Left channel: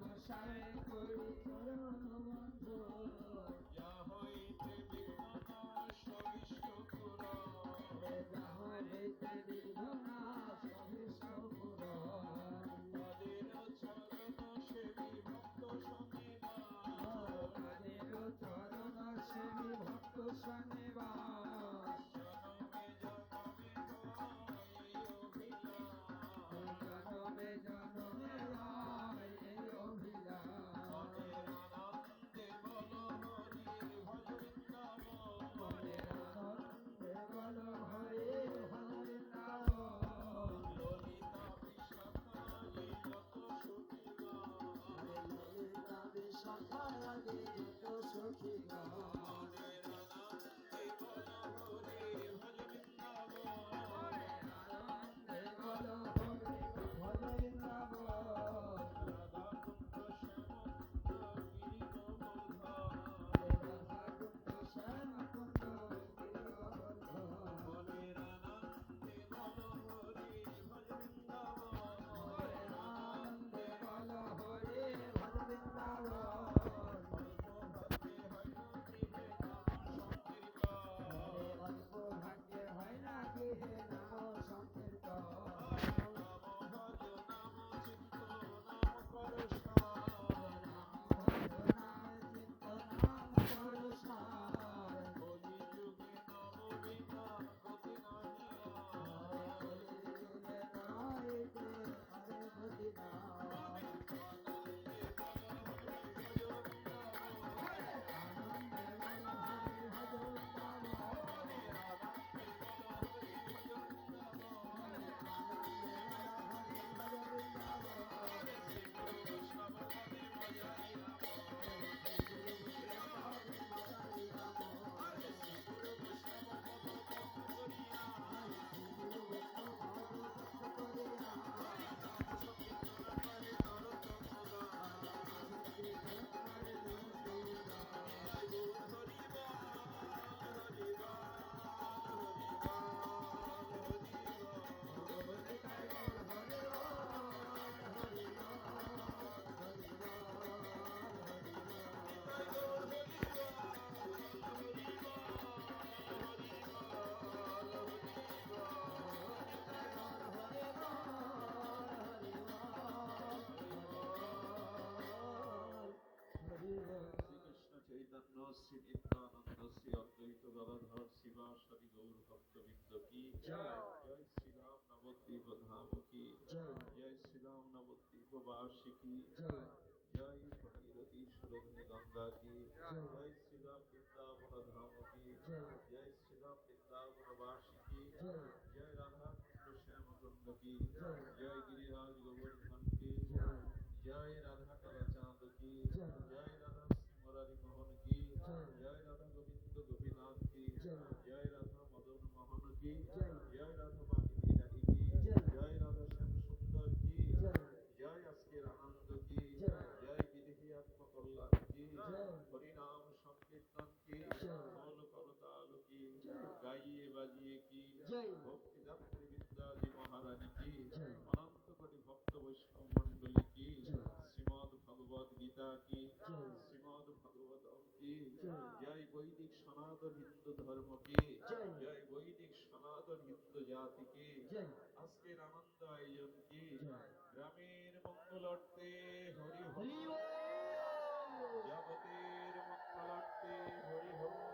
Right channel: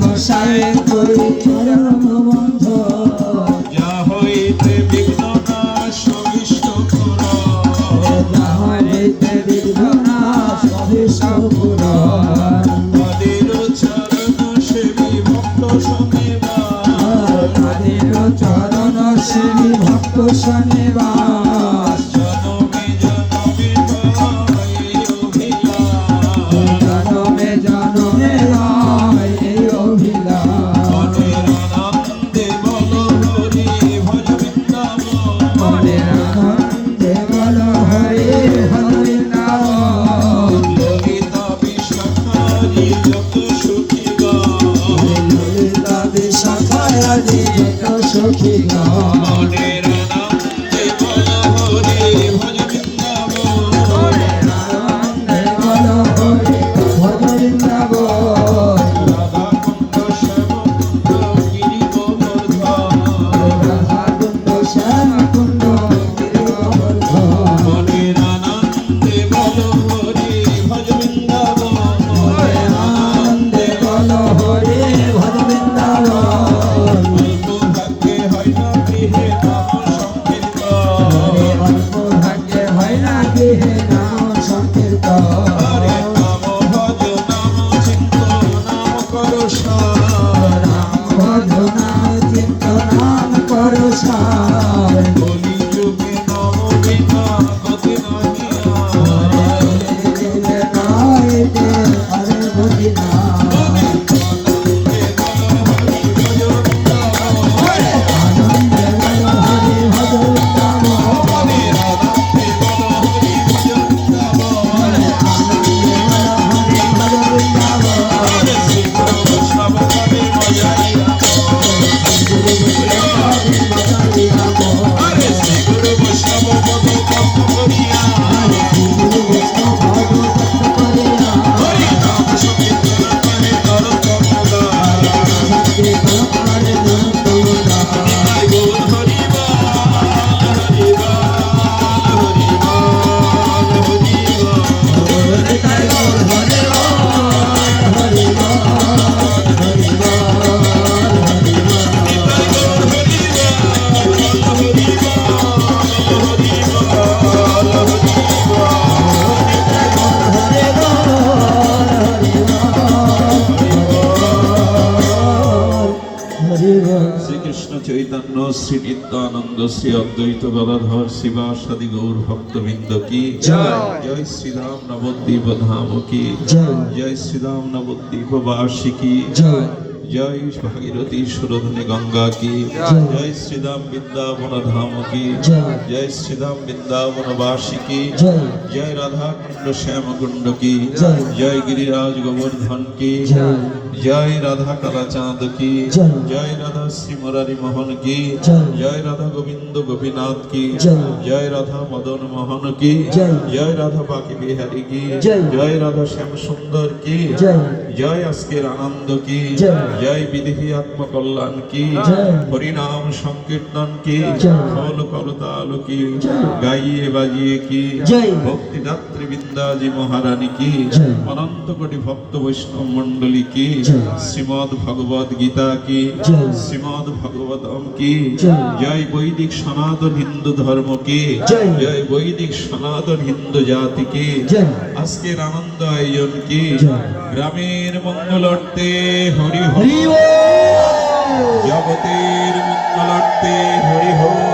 গোসাই করি চরণ বন্ধ ভক্ত শনিবাস জনমে জনমে লয় এই অভিলাষ মনের আনন্দে বল হরি হরে নাম যত শ্রী নিত্যানন্দ শ্রী অদ্বৈত গদাধর শিবাসাদি গৌর ভক্তবৃন্দ কি জয়। শ্রীরাম নবদ্বীপ ধাম কি জয়। জয় শ্রীরাম নবদ্বীপ বার্ষিকী জয় জয় ভাগীরথী সুরধনী গঙ্গা কি জয়। শ্রীরাম বৃন্দাবন ধাম কি জয়। শ্রীরাম বৃন্দাবন বার্ষিকী জয় জয় রাধা কুণ্ড শ্যাম কুণ্ড কি জয়। গিরিরাজ গোবর্ধন কি জয় রাধা কালা চাঁদ কি জয়। রাধা শ্রী মুরারি মোহন কি জয়। রাধা গোবিন্দ গোপীনাথ কি জয়। রাধা মদন মোহন কি জয়। রাধা বাকি বিহারী কি জয়। রাধা শ্যাম সুন্দর কি জয় জয় আজকের আনন্দ কি জয়। বিদেহী আত্মকল্যাণ কি। হরিনাম সংকীর্তন কি জয়। খোল করতাল কি গাইয়ে বাজিয়ে কি। ভক্তি দাত্রী বিদ্যাজি মহারানী কি অনন্ত কোটি ভক্ত বৈষ্ণব মণ্ডলী কি। শ্রীমদ ভগবদ গীতা কি। শ্রীমদ ভগবতম কি জয়। বৈদিক সনাতন হিন্দু ধর্ম কি জয়। বৈদিক সনাতন হিন্দু জাতি কি আজকের আনন্দ আয়োজন কি গ্রামের মঙ্গলার্থে হরি হরি হরি জগতের মঙ্গলার্থে হরি হরি।